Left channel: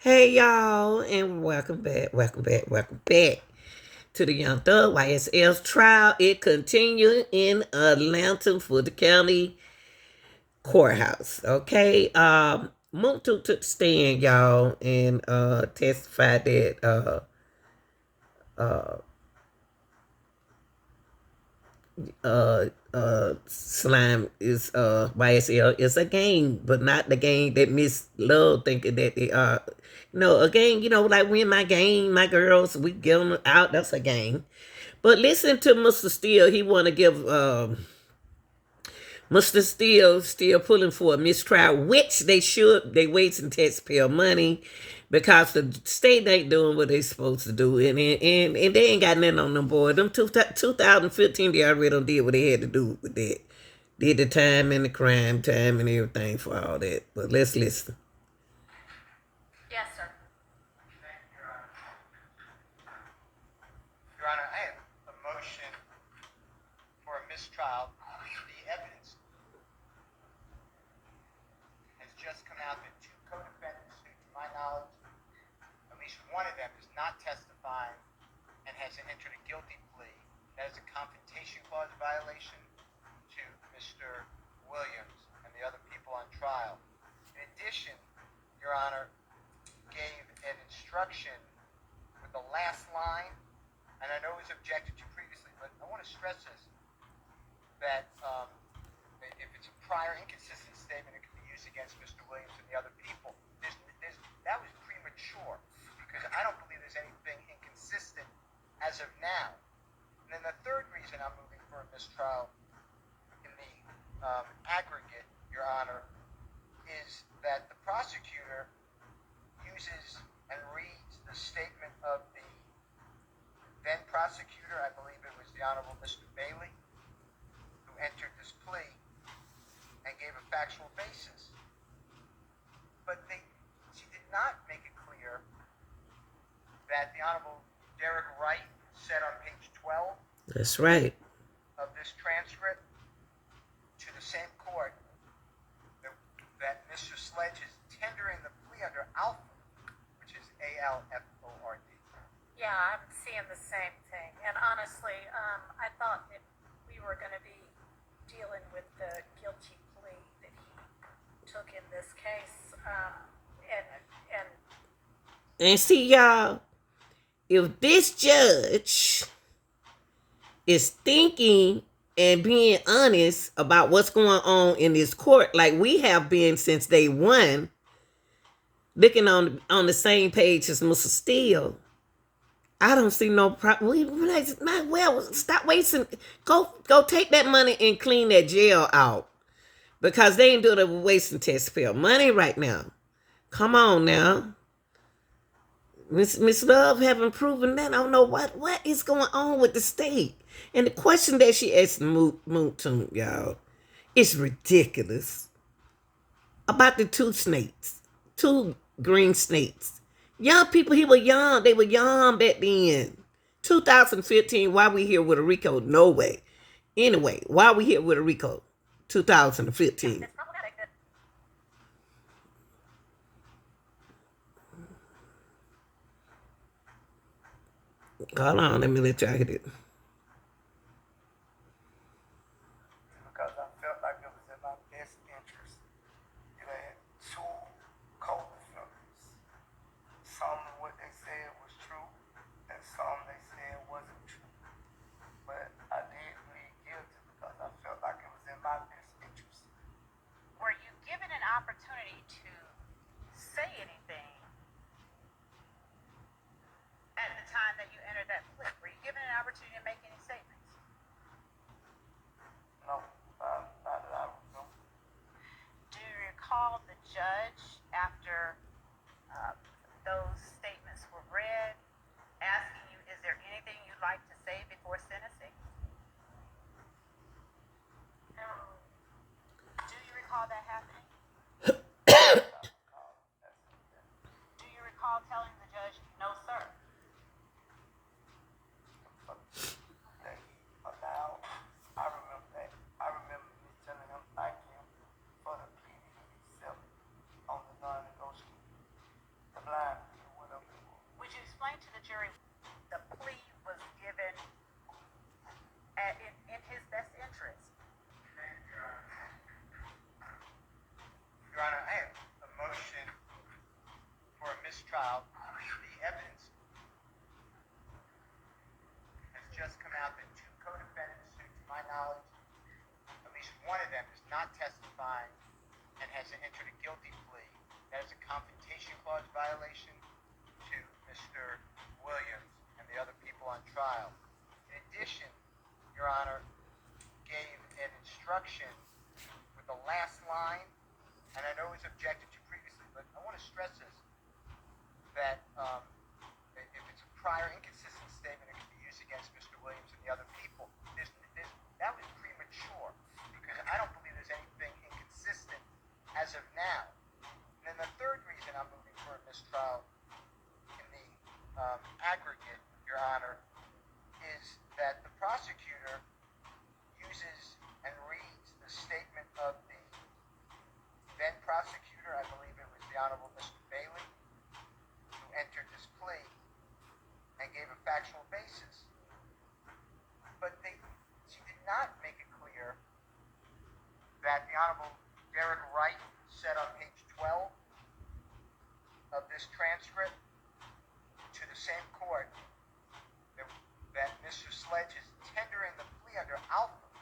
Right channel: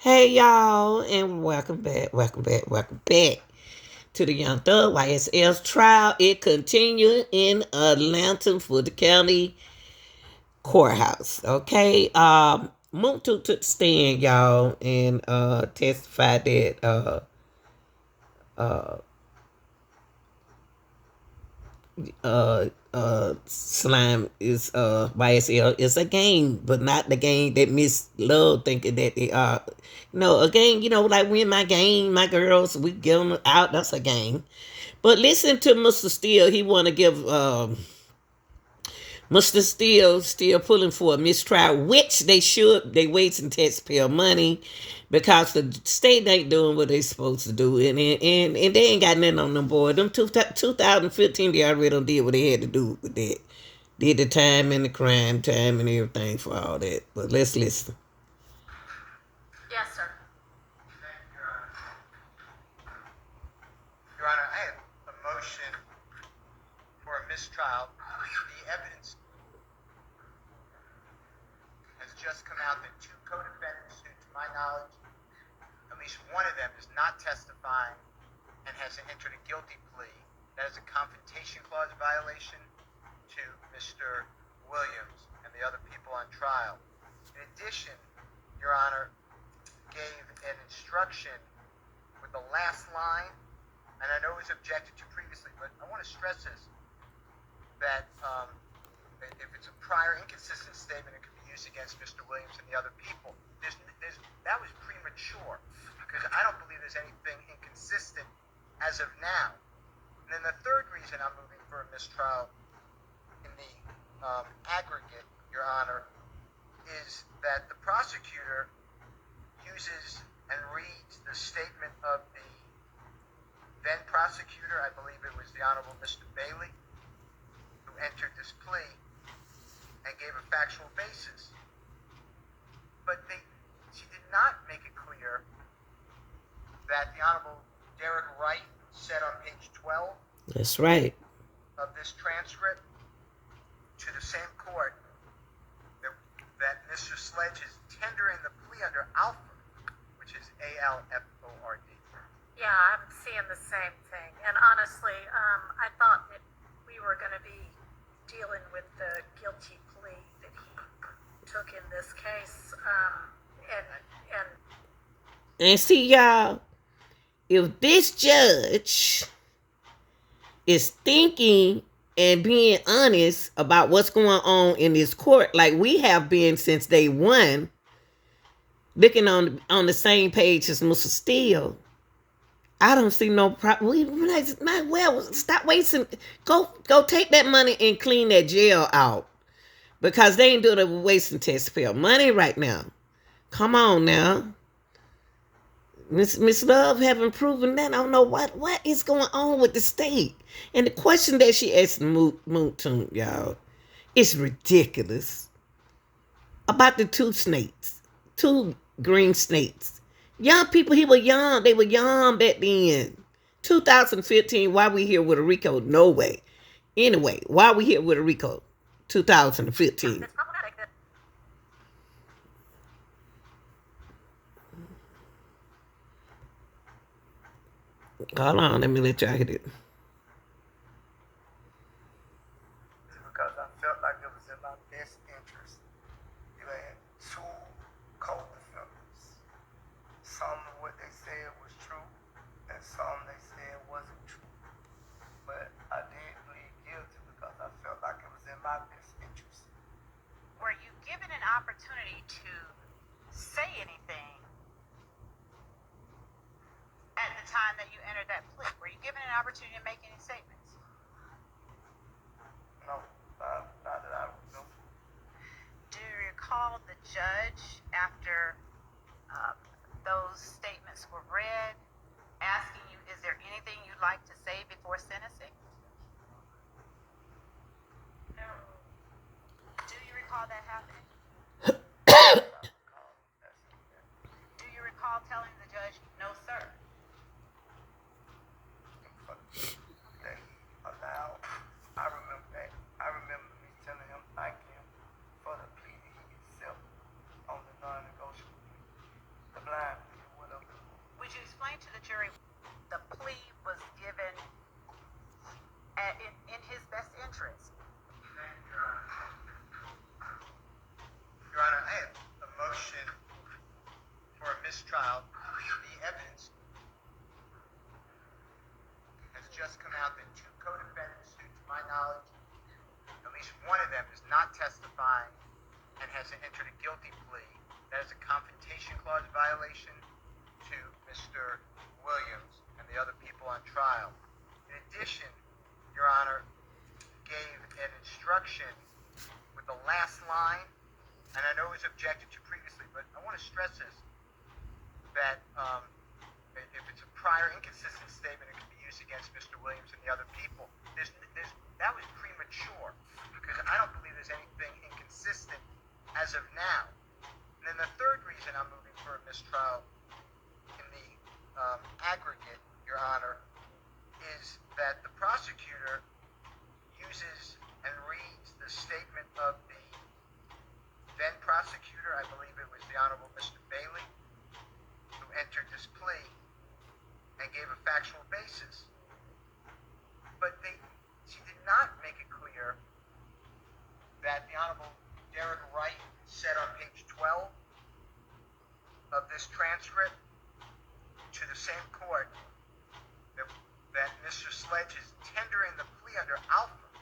Hey y'all, and welcome back to the Young Thug YSL's trial. It continued in Atlanta for the county courthouse. Okay, Mounk took the stand, y'all, and testified that uh slime is YSL is a game, but not the game that Miss Love thinking that they are. A game, like when my game, my girls, we get them out, that's a game. But listen to Mr. Steele, he wanna give Mr. Steele still pulling for a mistrial, which they wasting taxpayer money because the state ain't doing what they supposed to do, and they ain't got nothing on them board. Them 2015, they already done did what they had to do with that. Did the time and the crime time and everything for all that. But let's listen. Yes, sir. Your Honor, I have a motion for a mistrial. The evidence has just come out that two co-defendants who, to my knowledge, at least one of them is not testifying and has entered a guilty plea. That is a confrontation clause violation to Mr. Williams and the other people on trial. In addition, Your Honor, gave an instruction with the last line, and I know it was objected to previously, but I want to stress this, that if it's a prior inconsistent statement, it could be used against Mr. Williams and the other people. That was premature, because I don't believe there's anything inconsistent as of now. And then the third reason I'm moving for a mistrial in the aggregate, Your Honor, is that the prosecutor uses and reads the statement of the then prosecutor, I believe it was the Honorable Mr. Bailey, who entered this plea and gave a factual basis. But she did not make it clear that the Honorable Derek Wright said on page 12 That's right. of this transcript to the same court that Mr. Sledge is tendering the plea under Alford, which is ALFORD. Yeah, I'm seeing the same thing. And honestly, I thought that we were going to be dealing with the guilty plea that he took in this case. And see, y'all, if this judge is thinking and being honest about what's going on in this court, like we have been since day one, looking on the same page as Mr. Steele, I don't see no problem. We might well stop wasting. Go take that money and clean that jail out, because they ain't doing it with wasting taxpayer money right now. Come on now. Miss Love haven't proven that. I don't know what is going on with the state. And the question that she asked Mounk, y'all, is ridiculous. About the two green snakes. Young people, he was young. They were young back then. 2015, why we here with a Rico? No way. Anyway, why we here with a Rico? 2015. It's problematic that Hold on, let me let y'all hit it. Because I felt like it was in my best interest. You had two co-defendants. Some of what they said was true, and some they said wasn't true. But I did plead guilty because I felt like it was in my best interest. were you given an opportunity to say anything at the time that you entered that plea? Were you given an opportunity to make any statements? No, not that I would know. Do you recall the judge, after those statements were read, asking you, is there anything you'd like to say before sentencing? No. Do you recall that happening? Do you recall telling the judge, no, sir? They allowed. I remember that. I remember me telling him thank him for the plea that he accepted on the non-negotiable. The blind mistrial, the evidence has just come out that two co-defendants who, to my knowledge, at least one of them is not testifying and has entered a guilty plea. That is a confrontation clause violation to Mr. Williams and the other people on trial. In addition, Your Honor, gave an instruction with the last line, and I know it was objected to previously, but I want to stress this, that if it's a prior inconsistent statement, it can be used against Mr. Williams and the other people. That was premature, because I don't believe there's anything inconsistent as of now. And then the third reason I'm moving for a mistrial in the aggregate, Your Honor, is that the prosecutor uses and reads the statement of the then prosecutor, I believe it was the Honorable Mr. Bailey, who entered this plea and gave a factual basis. But she did not make it clear that the Honorable Derek Wright said on page 12 of this transcript to the same court that Mr. Sledge is tendering the plea under Alford,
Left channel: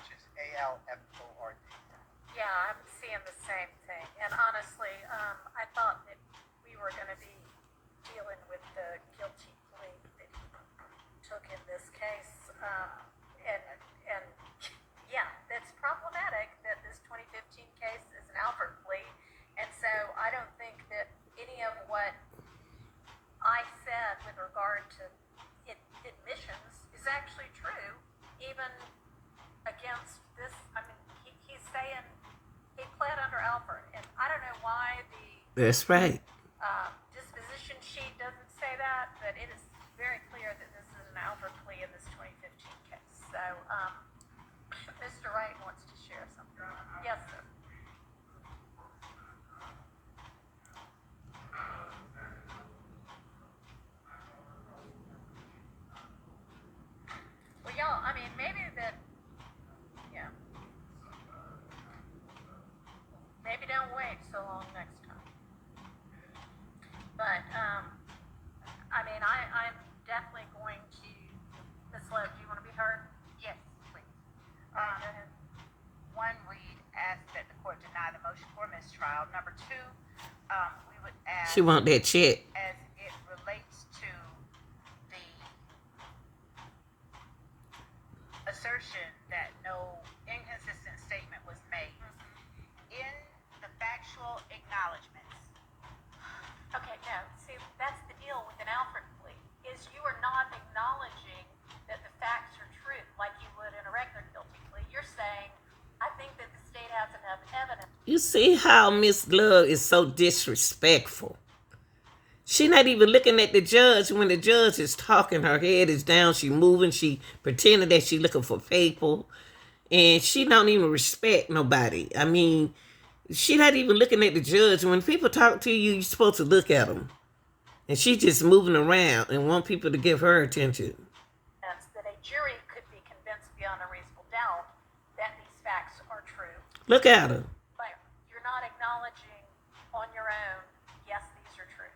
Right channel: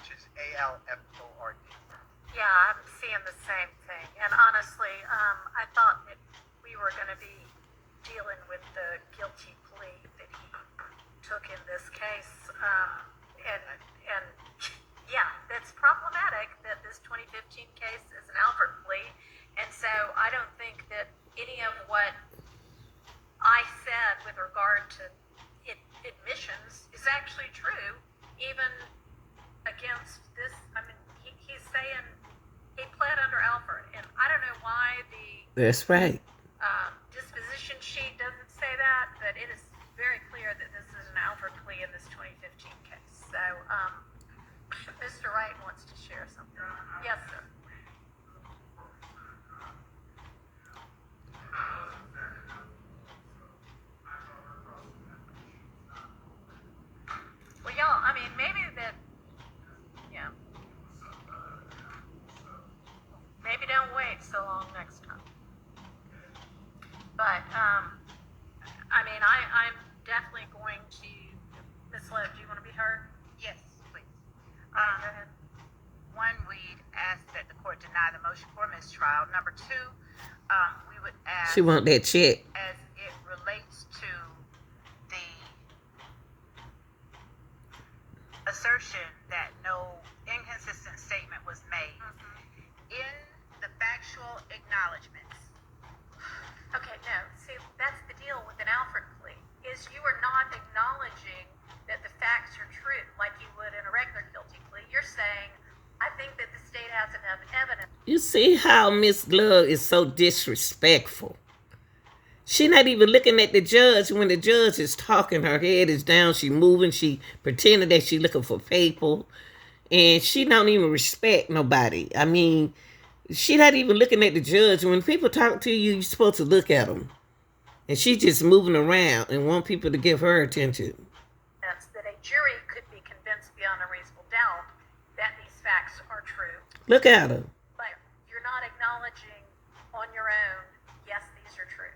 which is ALFORD. Yeah, I'm seeing the same thing. And honestly, I thought that we were going to be dealing with the guilty plea that he took in this case. And yeah, that's problematic that this 2015 case is an Alford plea. And so I don't think that any of what I said with regard to admissions is actually true, even against this. I mean, he's saying he pled under Alford, and I don't know why That's right. disposition sheet doesn't say that, but it is very clear that this is an Alford plea in this 2015 case. So, Mr. Wright wants to share something. Yes, sir. Well, y'all, I mean, maybe that, yeah. Maybe don't wait so long next time. But, I mean, I'm definitely going to, Ms. Love, do you want to be heard? Yes, please. All right, go ahead. One, we'd ask that the court deny the motion for mistrial. Number two, we would ask, She want that check. as it relates to the assertion that no inconsistent statement was made, in the factual acknowledgments. Okay, no, see, that's the deal with an Alford plea, is you are not acknowledging that the facts are true like you would in a regular guilty plea. You're saying, I think that the state has enough evidence. You see how Miss Love is so disrespectful. She not even looking at the judge when the judge is talking. Her head is down. She moving. She pretending that she looking for people. And she don't even respect nobody. I mean, she not even looking at the judge. When people talk to you, you're supposed to look at them. And she just moving around and want people to give her attention. That a jury could be convinced beyond a reasonable doubt that these facts are true. Look at her. But you're not acknowledging on your own, yes, these are true.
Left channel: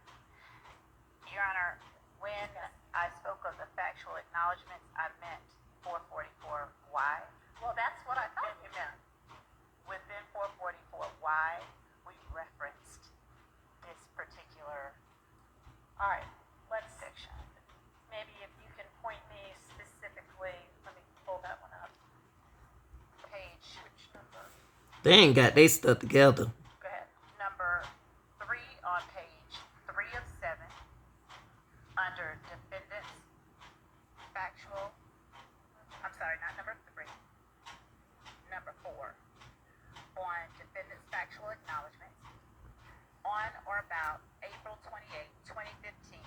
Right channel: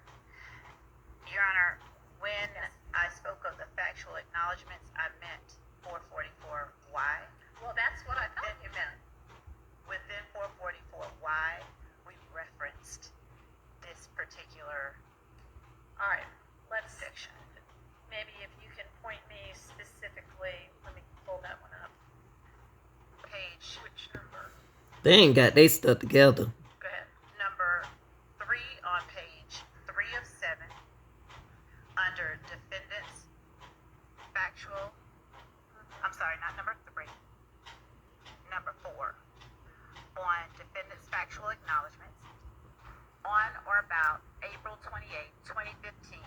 Your Honor, when I spoke of the factual acknowledgments, I meant 444Y. Well, that's what I thought you meant. Within 444Y, we referenced this particular All right, let's section. maybe if you can point me specifically, let me pull that one up. Page, Which number? They ain't got they stuff together. Go ahead. number 3 on page 3 of 7, under defendants factual, I'm sorry, not number 3, number 4, on defendants factual acknowledgments, on or about April 28, 2015,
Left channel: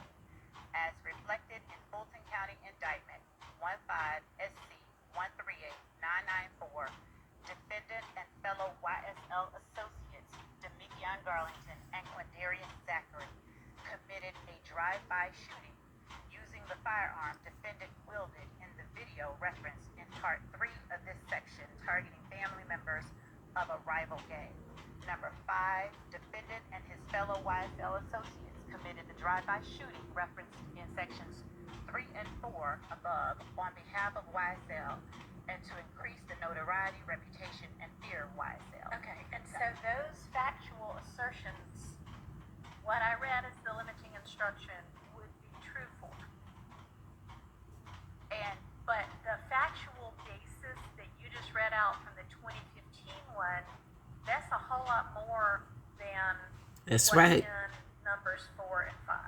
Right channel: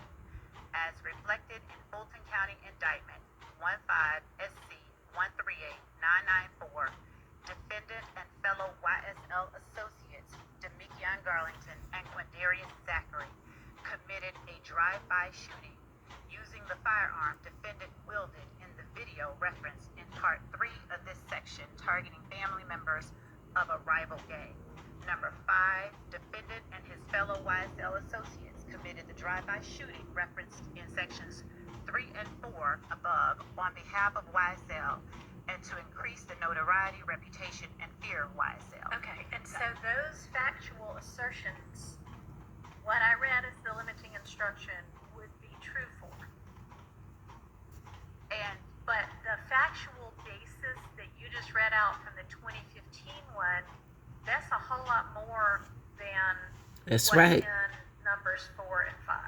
as reflected in Fulton County Indictment 15 SC 138994, defendant and fellow YSL associates Demikion Garlington and Quindarius Zachary committed a drive-by shooting using the firearm defendant wielded in the video referenced in Part 3 of this section, targeting family members of a rival gang. Number 5, defendant and his fellow YSL associates committed the drive-by shooting referenced in sections 3 and 4 above on behalf of YSL and to increase the notoriety, reputation, and fear of YSL. Okay, and so those factual assertions, what I read as the limiting instruction would be true for. But the factual basis that you just read out from the 2015 one, that's a whole lot more than That's what's right. in numbers 4 and 5.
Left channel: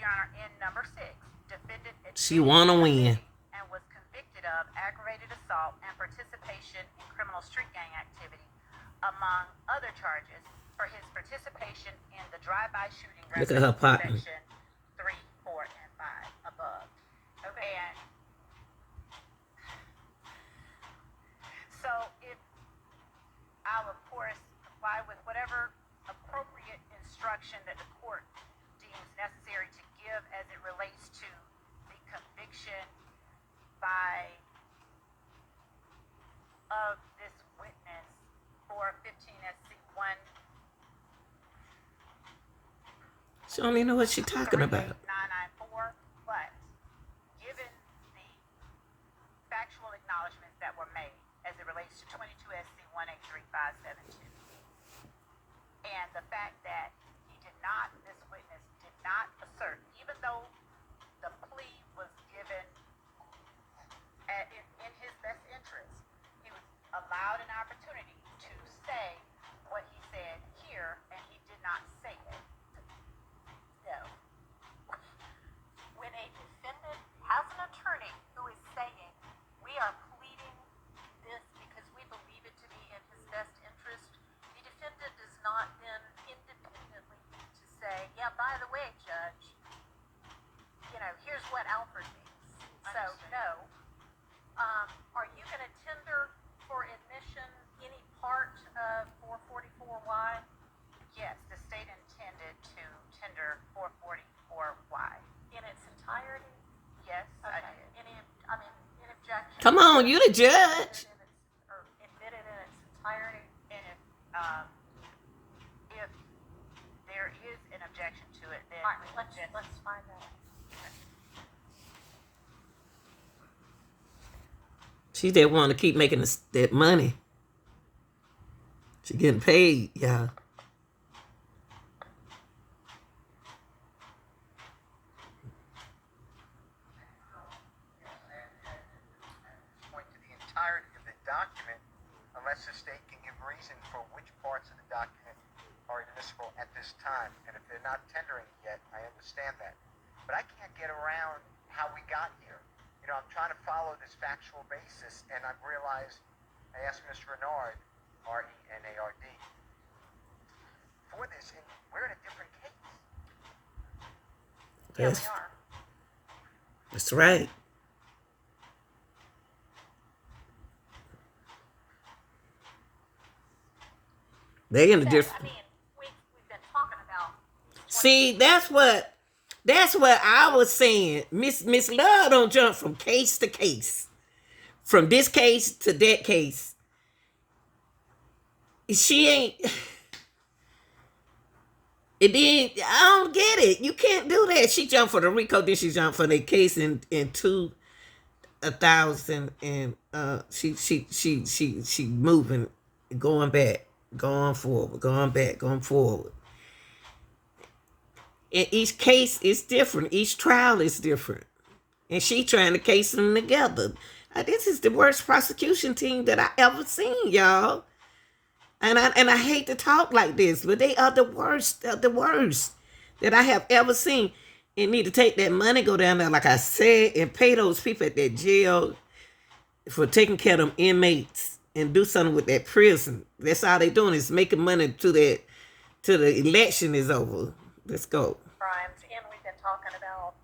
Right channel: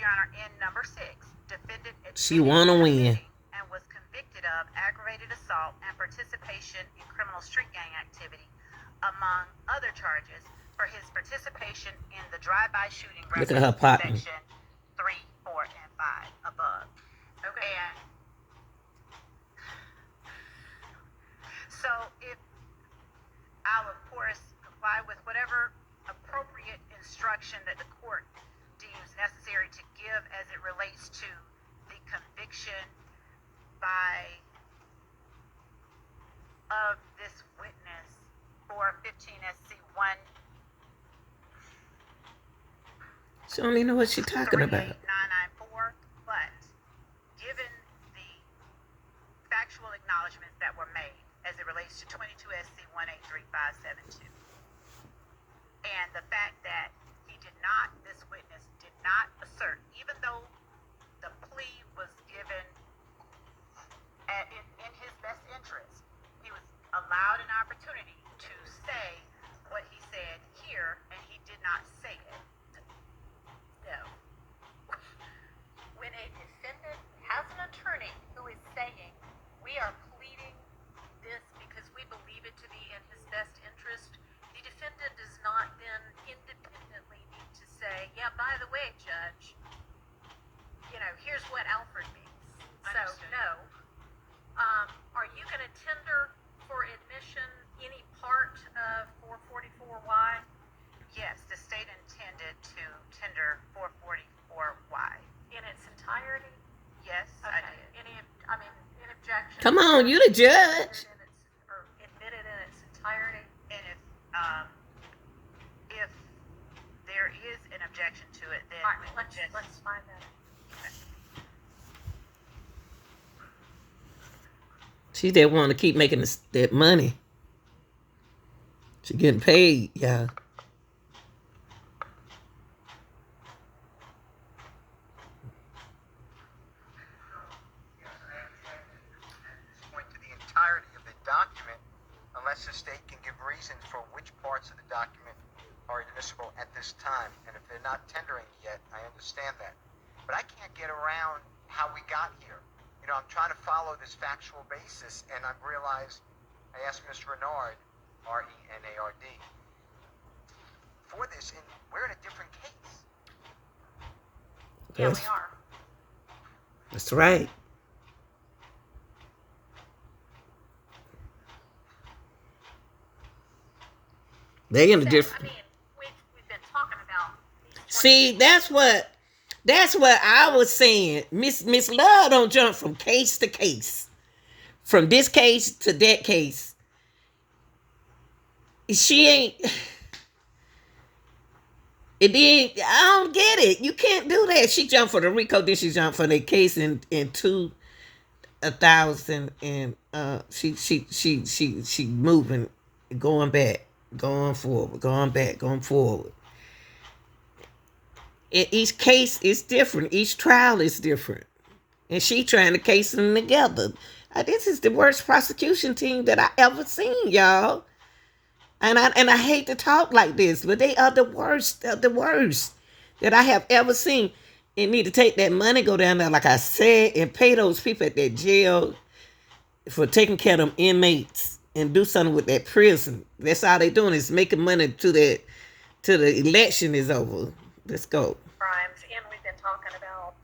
Your Honor, in number 6, defendant She wanna win. and was convicted of aggravated assault and participation in criminal street gang activity, among other charges, for his participation in the drive-by shooting Look at her referenced partner. in section 3, 4, and 5 above. Okay. And so if I'll of course comply with whatever appropriate instruction that the court deems necessary to give as it relates to the conviction of this witness for 15 SC 1 She don't even know what she's talking about. 38994, but given the factual acknowledgments that were made as it relates to 22 SC 183572, and the fact that this witness did not assert, even though the plea was given in his best interest, he was allowed an opportunity to say what he said here, and he did not say it. No. When a defendant has an attorney who is saying, we are pleading this because we believe it to be in his best interest, the defendant does not then independently need to say, yeah, by the way, Judge, here's what Alfred means. So, Understood. no. Are you going to tender for admission any part of 444Y? Yes, the state intended to tender 444Y. In its entirety? Yes, I Okay. did. Any objection? Come on, you the judge. Or admitted in its entirety? And if there is an objection to it, then All right, we would let's find that. She just want to keep making that money. She getting paid, y'all. Point to the entirety of the document unless the state can give reasons for which parts of the document are admissible at this time. And if they're not tendering yet, I understand that. But I can't get around how we got here. I'm trying to follow this factual basis, and I've realized, I asked Mr. Renard, R-E-N-A-R-D, for this, and we're in a different case. Yeah, That's, we are. that's right. They in a So, different. we've been talking about these See, that's what I was saying. Miss Love don't jump from case to case, from this case to that case. She ain't. It did. I don't get it. You can't do that. She jumped for the Rico, then she jumped for the case in 2000, and she moving, going back, going forward, going back, going forward. And each case is different. Each trial is different, and she trying to case them together. This is the worst prosecution team that I ever seen, y'all. And I hate to talk like this, but they are the worst that I have ever seen. And need to take that money, go down there, like I said, and pay those people at that jail for taking care of them inmates and do something with that prison. That's all they doing is making money till the election is over. Let's go. crimes, and we've been talking about,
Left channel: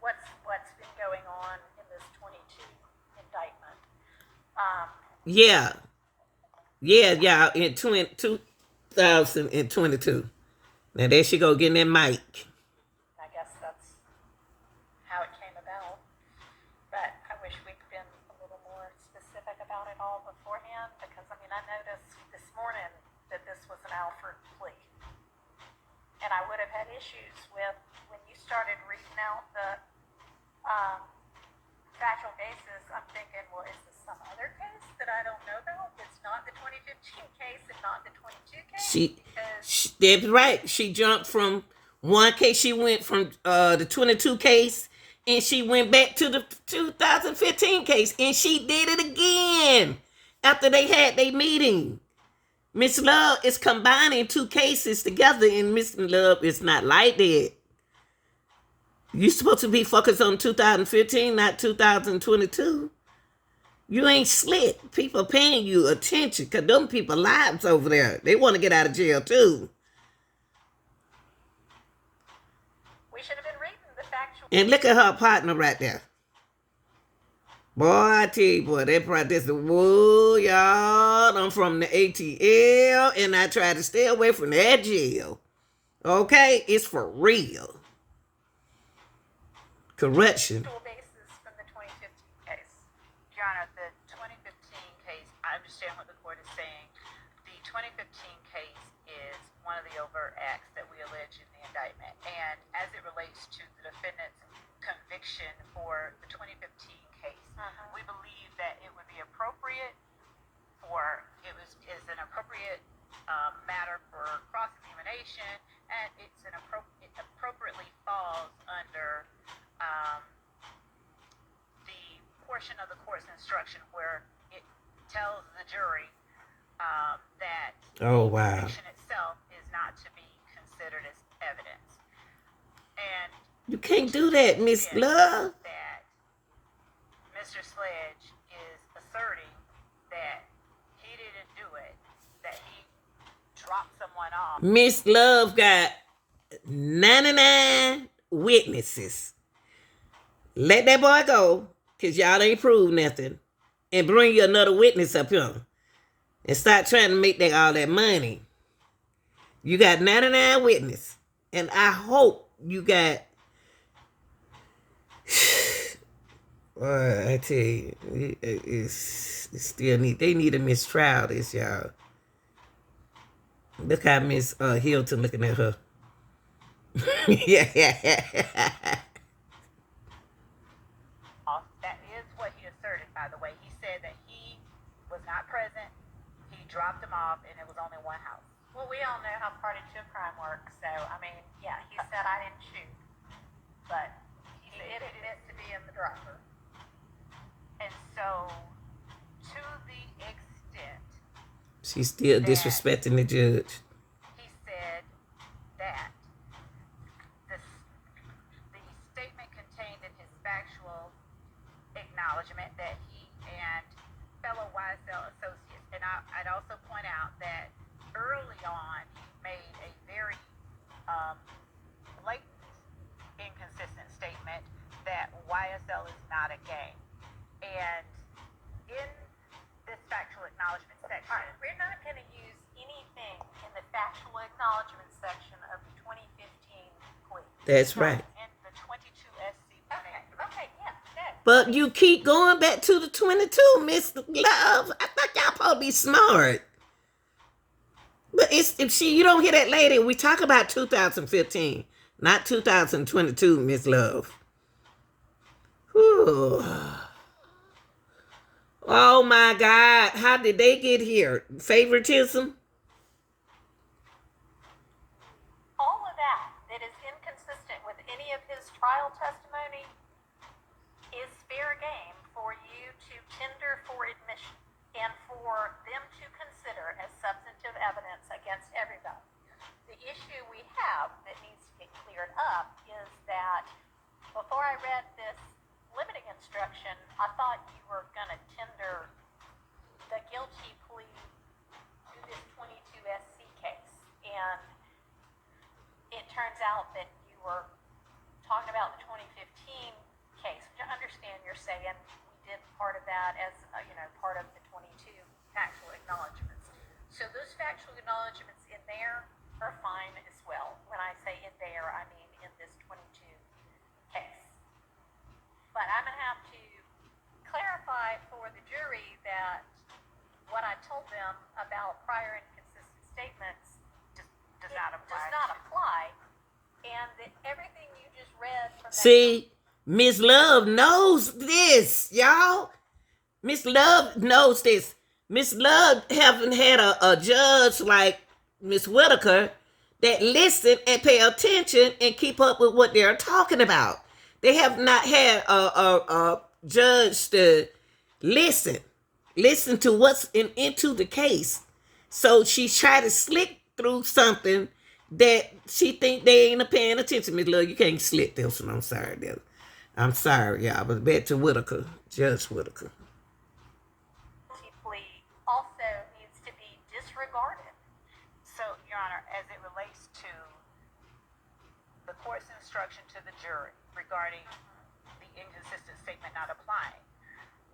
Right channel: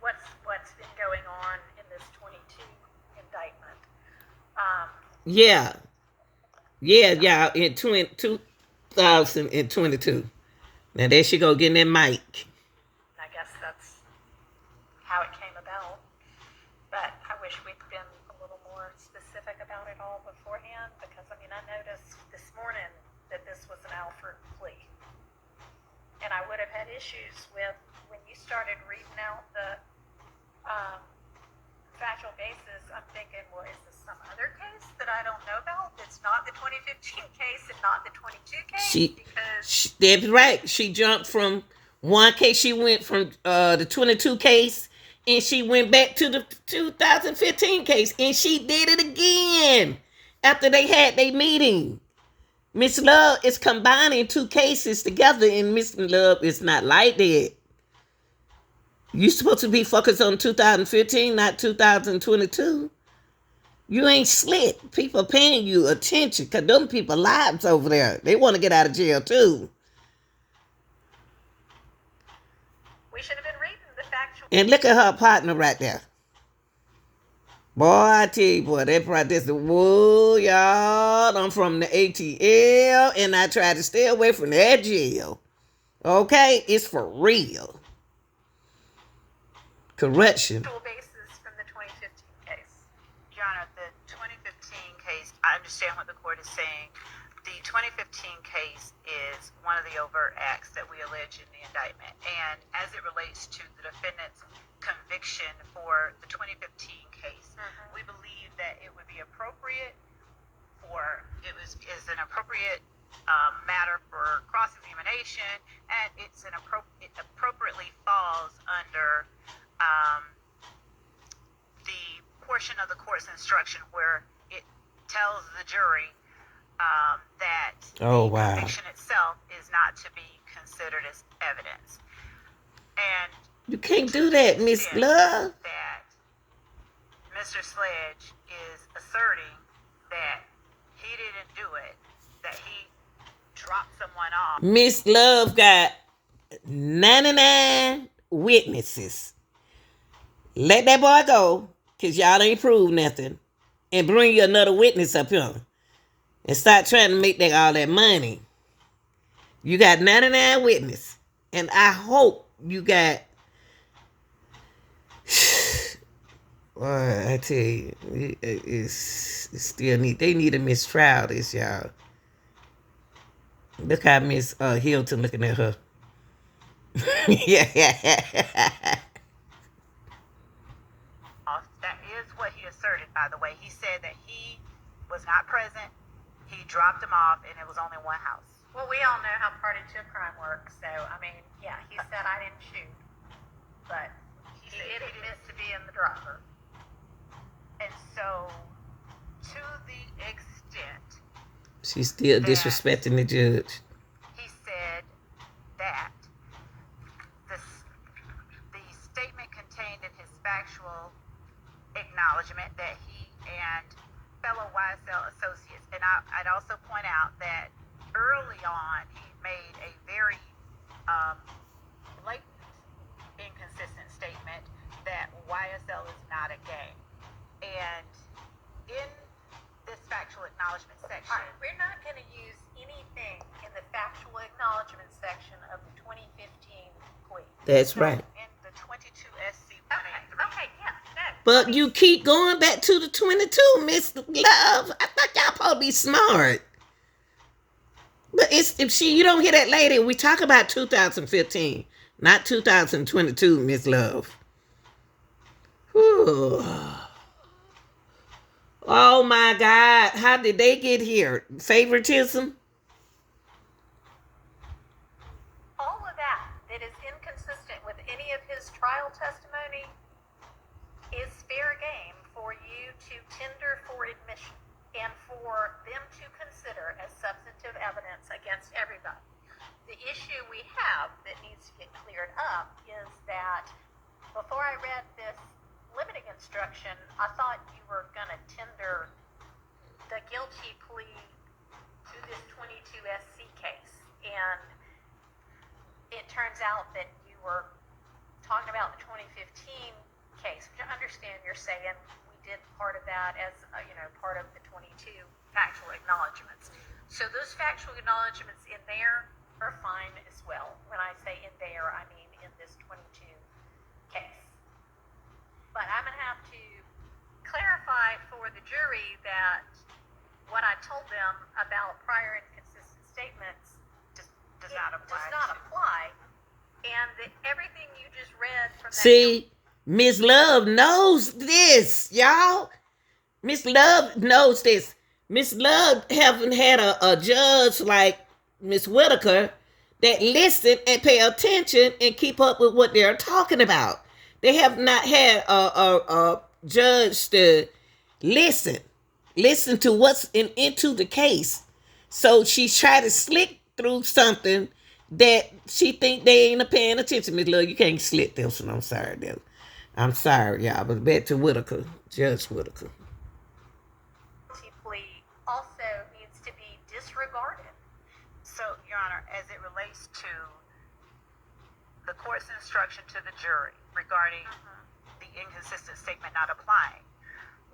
what's been going on in this 22 indictment. Yeah, in 2022. Now there she go getting that mic. I guess that's how it came about. But I wish we'd been a little more specific about it all beforehand, because I noticed this morning that this was an Alfred plea. issues with when you started reading out the factual basis. I'm thinking, well, is this some other case that I don't know about? It's not the 2015 case and not the 22 case? That's right. She jumped from one case. She went from the 22 case, and she went back to the 2015 case, and she did it again after they had their meeting. Miss Love is combining two cases together, and Miss Love is not like that. You supposed to be focused on 2015, not 2022. You ain't slick. People paying you attention because them people lives over there. They want to get out of jail too. We should have been reading the factual. And look at her partner right there. Boy, I tell you, boy, they practice the whoa, y'all. I'm from the ATL, and I try to stay away from that jail. Okay? It's for real. Correction. Basis from the 2015 case. Your Honor, the 2015 case, I understand what the court is saying. The 2015 case is one of the overt acts that we allege in the indictment. And as it relates to the defendant's conviction for the 2015 case, we believe that it would be appropriate is an appropriate matter for cross-examination, and it appropriately falls under the portion of the court's instruction where it tells the jury that the conviction itself is not to be considered as evidence. And you can't do that, Miss Love. That Mr. Sledge is asserting that he didn't do it, that he dropped someone off. Miss Love got 99 witnesses. Let that boy go, because y'all ain't proved nothing. And bring you another witness up here. And start trying to make all that money. You got 99 witnesses. And I hope you got... I tell you, it's still need. They need a mistrial, this, y'all. Look how Miss Hilton looking at her. Yeah. That is what he asserted, by the way. He said that he was not present. He dropped him off, and it was only one house. Well, we all know how party to a crime works. So, I mean, yeah, he said I didn't shoot. But he did admit to being the dropper. And so, to the extent she's still disrespecting the judge. He said that the statement contained in his factual acknowledgement that he and fellow YSL associates, and I'd also point out that early on he made a very blatant, inconsistent statement that YSL is not a gang. And in this factual acknowledgement section, we're not going to use anything in the factual acknowledgement section of the 2015 plea. That's right. In the 22 SC 183. Okay, yeah, no. But you keep going back to the 22, Miss Love. I thought y'all supposed to be smart. But you don't hear that lady. We talk about 2015, not 2022, Miss Love. Whew. Oh my God. How did they get here? Favoritism? All of that is inconsistent with any of his trial testimony is fair game for you to tender for admission and for them to consider as substantive evidence against everybody. The issue we have that needs to get cleared up is that before I read this limiting instruction, I thought you were going to tender the guilty plea to this 22 SC case. And it turns out that you were talking about the 2015 case, which I understand you're saying we did part of that as, part of the 22 factual acknowledgments. So those factual acknowledgments in there are fine as well. When I say in there, I mean in this 22 case. But I'm going to have to clarify for the jury that what I told them about prior inconsistent statements does not apply. And from that. See, Miss Love knows this, y'all. Miss Love knows this. Miss Love haven't had a judge like Miss Whitaker that listen and pay attention and keep up with what they're talking about. They have not had a judge to listen to what's into the case. So she's trying to slick through something that she think they ain't paying attention. Miss Love, you can't slick this one. I'm sorry, I'm sorry, y'all. But back to Whitaker, Judge Whitaker. Guilty plea also needs to be disregarded. So, Your Honor, as it relates to the court's instruction to the jury regarding the inconsistent statement not applying,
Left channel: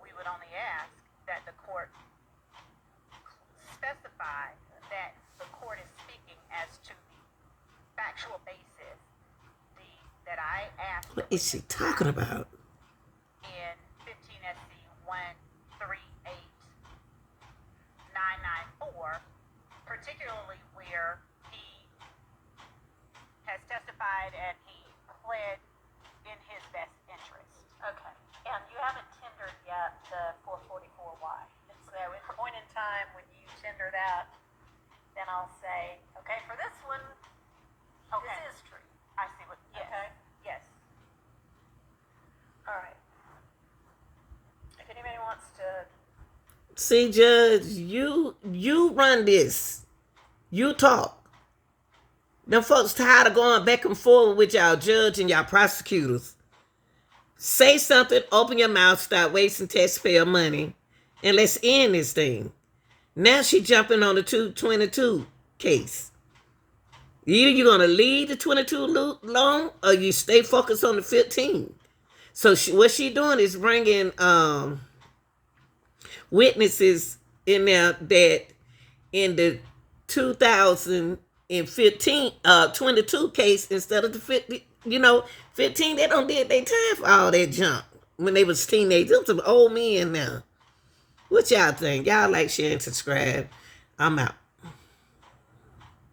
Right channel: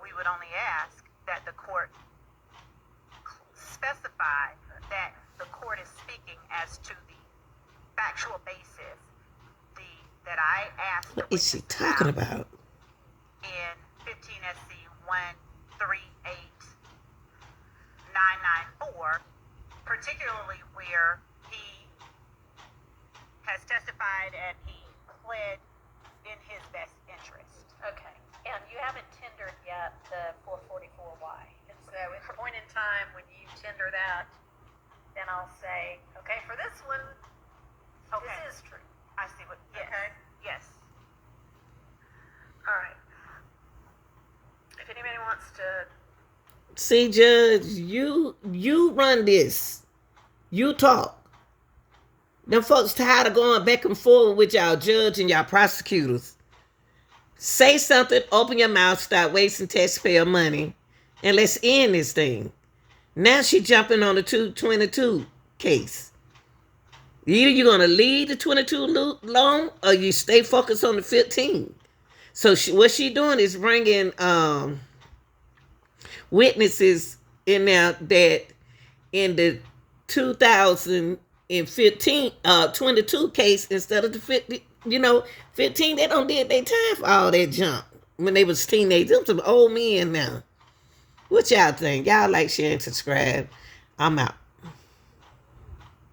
we would only ask that the court specify that the court is speaking as to the factual basis that I asked. What is she talking about? In 15 SC 138994, particularly where he has testified and he pled in his best interest. Okay. And you haven't tendered yet the 444Y. And so at the point in time when you tender that, then I'll say, okay, for this one, Okay. this is true. I see what. Yes. Okay. Yes. All right. If anybody wants to, See, Judge, you run this. You talk. Them folks tired of going back and forth with y'all judge and y'all prosecutors. Say something, open your mouth, stop wasting taxpayer money, and let's end this thing. Now she jumping on the 222 case. Either you're going to leave the 22 alone or you stay focused on the 15. So what she doing is bringing witnesses in there that in the 2015 22 case instead of the 50, 15, they don't did their time for all that junk when they was teenagers. Them some old men now. What y'all think? Y'all like, share, and subscribe. I'm out.